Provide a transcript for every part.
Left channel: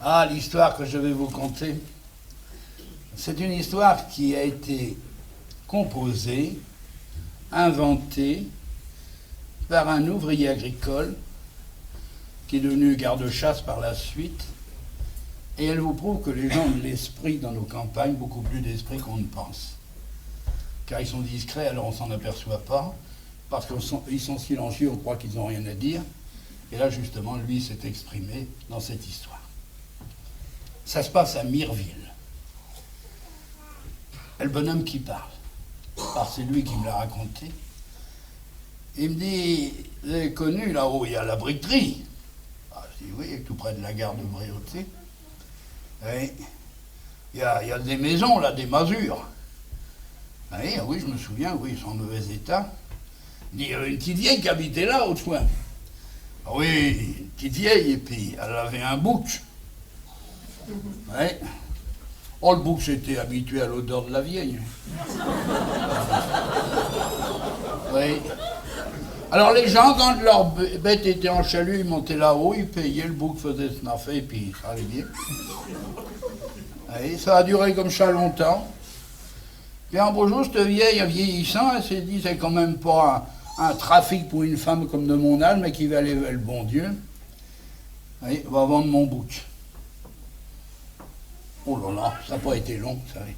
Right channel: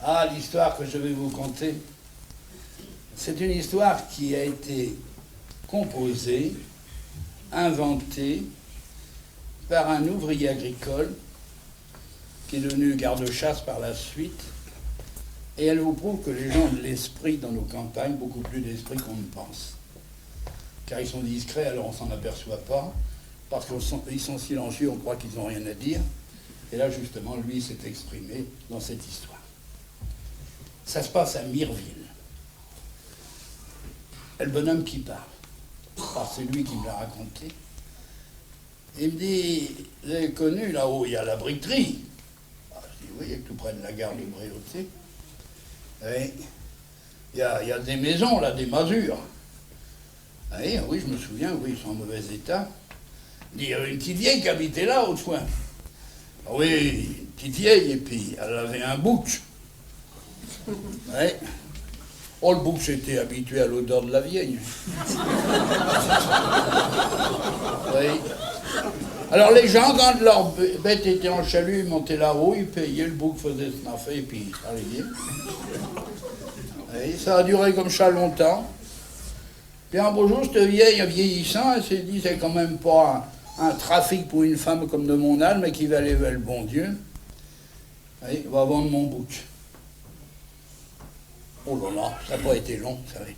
Ah, l'histoire que je vais vous conter, c'est une histoire qui a été composée, inventée par un ouvrier agricole qui est devenu garde-chasse par la suite. Et elle vous prouve que les gens ont de l'esprit dans nos campagnes, beaucoup plus d'esprit qu'on ne pense. Car ils sont discrets, alors on ne s'en aperçoit pas, parce qu'ils sont silencieux, on croit qu'ils n'ont rien à dire. Et là, justement, lui s'est exprimé dans cette histoire. Ça se passe à Mireville. Et le bonhomme qui parle, parce que c'est lui qui me l'a raconté, il me dit, vous avez connu là-haut, il y a la briqueterie. Ah, je dis, oui, tout près de la gare de Bréauté. Oui, il y a des maisons, là, des masures. Oui, oui, je me souviens, oui, ils sont en mauvais état. Il y avait une petite vieille qui habitait là, autrefois. Oui, une petite vieille, et puis elle avait un bouc. Oui. Oh, le bouc s'était habitué à l'odeur de la vieille. Oui. Alors les gens, quand leur bête était en chalut, ils montaient là-haut, ils payaient, le bouc faisait snaffer, et puis ça allait bien. Oui, ça a duré comme ça longtemps. Et un beau jour, cette vieille, vieillissant, elle s'est dit, c'est quand même pas un trafic pour une femme comme de mon âge, mais qui va aller vers le bon Dieu. Oui, va vendre mon bouc. Oh là là, ça n'a pas été long, vous savez.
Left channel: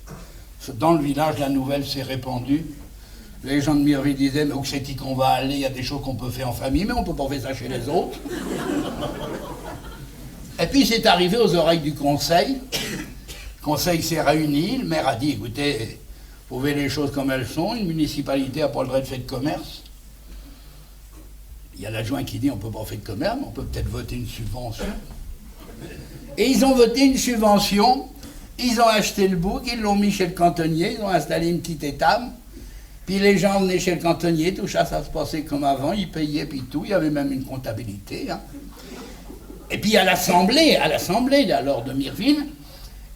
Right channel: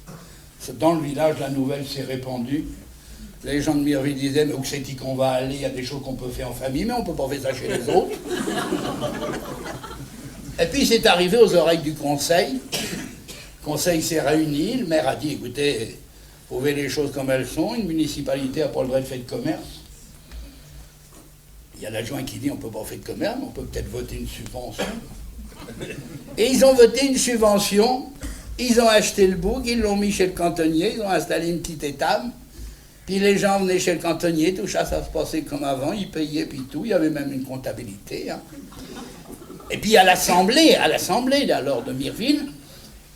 Dans le village, la nouvelle s'est répandue. Les gens de Mireville disaient, mais où c'est qu'on va aller, il y a des choses qu'on peut faire en famille, mais on ne peut pas faire ça chez les autres. Et puis c'est arrivé aux oreilles du conseil. Le conseil s'est réuni, le maire a dit, écoutez, vous pouvez les choses comme elles sont, une municipalité n'a pas le droit de faire de commerce. Il y a l'adjoint qui dit, on ne peut pas faire de commerce, mais on peut peut-être voter une subvention. Et ils ont voté une subvention, ils ont acheté le bouc, ils l'ont mis chez le cantonnier, ils ont installé une petite étable. Puis les gens venaient chez le cantonnier, tout ça, ça se passait comme avant, ils payaient, puis tout, il y avait même une comptabilité. Hein. Et puis à l'Assemblée, alors de Mireville,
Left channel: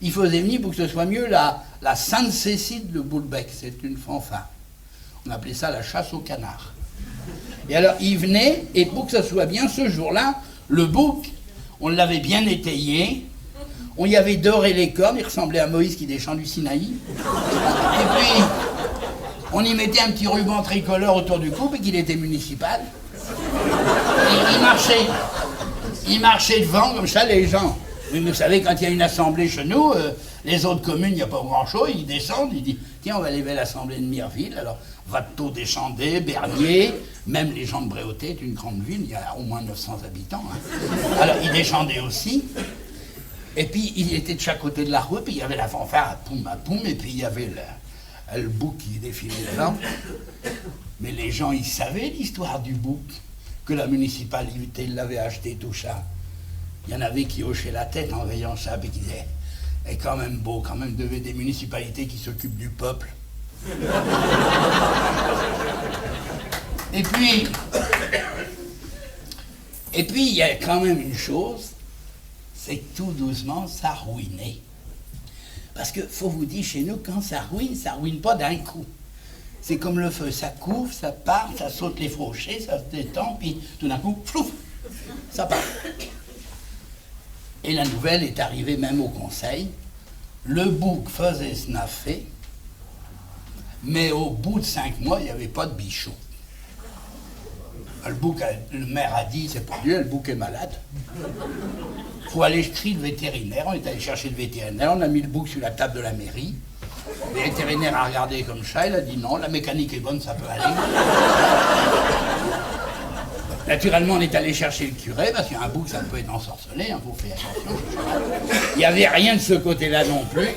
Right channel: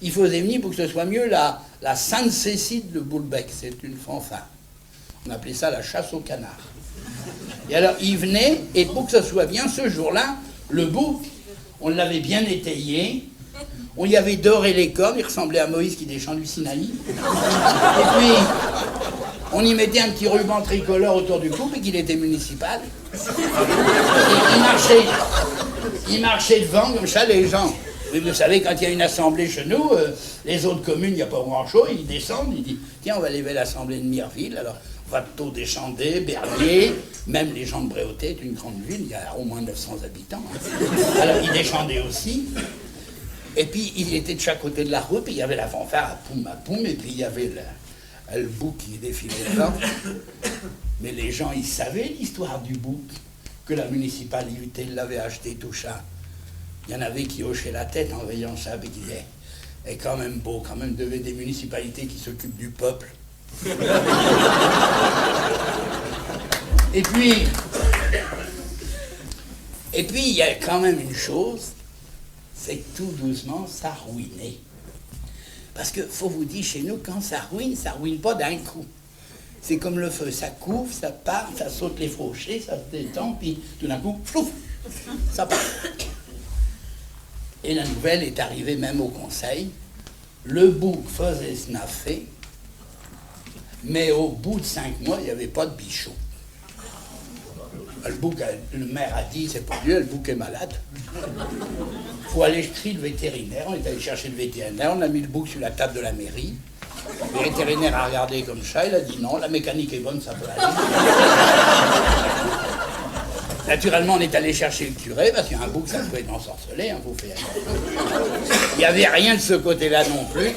il faisait venir pour que ce soit mieux la Sainte-Cécile de Boulbec, c'est une fanfare. On appelait ça la chasse au canard. Et alors il venait, et pour que ce soit bien, ce jour-là, le bouc, on l'avait bien étayé, on y avait doré les cornes, il ressemblait à Moïse qui descend du Sinaï. Et puis, on y mettait un petit ruban tricolore autour du cou, et qu'il était municipal. Et il marchait devant, comme ça, les gens. Mais vous savez, quand il y a une assemblée chez nous, les autres communes, il n'y a pas grand-chose, ils descendent, ils disent, tiens, on va aller vers l'assemblée de Mireville, alors Watteau, Deschandé, Bernier, même les gens de Bréauté, est une grande ville, il y a au moins 900 habitants. Hein. Alors ils descendaient aussi. Et puis il était de chaque côté de la rue, puis il y avait la fanfare à poum, et puis il y avait le bouc qui défilait là. Mais les gens, ils savaient l'histoire du bouc, que la municipalité l'avait acheté, tout ça. Il y en avait qui hochaient la tête en voyant ça, et qui disaient, c'est quand même beau, quand même devait des municipalités qui s'occupent du peuple. Et puis, il y a quand même une chose, c'est que tout doucement, ça ruinait. Parce que, faut vous dire, chez nous, quand ça ruine pas d'un coup. C'est comme le feu, ça couvre, ça part, ça saute les fauchés, ça se détend, puis tout d'un coup, flouf, ça part. Et la nouvelle est arrivée même au conseil. Le bouc faisait snaffer, mais au bout de 5 mois, il n'y avait pas de bichon. Le maire a dit, c'est pas lui, le bouc est malade. Il faut aller chercher le vétérinaire. On est allé chercher le vétérinaire, on a mis le bouc sur la table de la mairie. Le vétérinaire a regardé comme ça, il a dit non, la mécanique est bonne, ça peut aller. Naturellement, on est allé chercher le curé, parce qu'un bouc, ça peut être ensorcelé, hein, faut faire. Il n'y avait rien de ce côté-là non plus.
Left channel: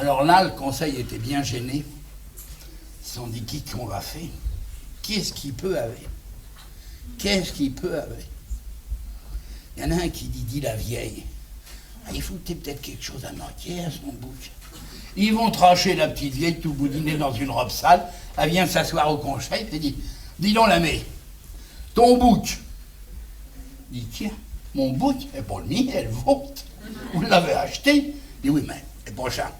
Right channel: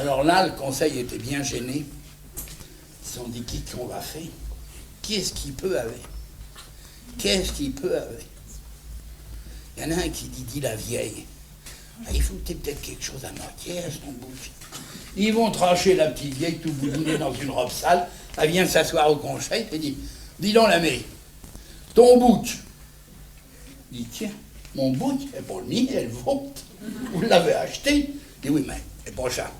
Alors là, le conseil était bien gêné. Ils se sont dit, qu'est-ce qu'on va faire? Qu'est-ce qu'il peut avec? Qu'est-ce qu'il peut avec? Il y en a un qui dit la vieille. Ah, il faut peut-être quelque chose à moitié à son bouc. Ils vont trancher la petite vieille tout boudinée dans une robe sale. Elle vient s'asseoir au conseil et dit, dis donc l'ami, ton bouc. Il dit, tiens, mon bouc, et pour le mien, elle vaut. Vous l'avez acheté? Il dit, oui, mais c'est pas ça.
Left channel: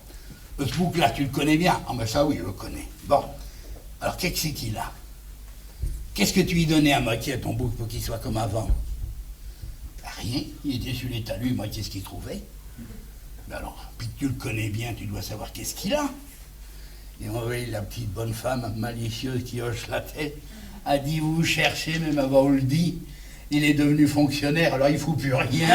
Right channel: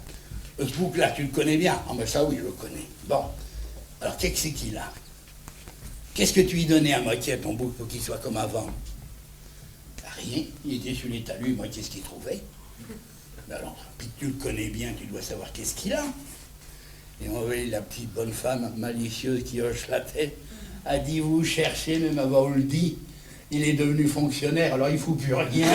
Ce bouc-là, tu le connais bien? Ah, ben ça, oui, je le connais. Bon, alors qu'est-ce que c'est qu'il a? Qu'est-ce que tu lui donnais à moitié à ton bouc pour qu'il soit comme avant? rien, il était sur les talus, moi qu'est-ce qu'il trouvait? Alors, puis tu le connais bien, tu dois savoir qu'est-ce qu'il a. Et on voyait la petite bonne femme malicieuse qui hoche la tête, a dit vous cherchez, même avant on le dit, il est devenu fonctionnaire, alors il ne fout plus rien.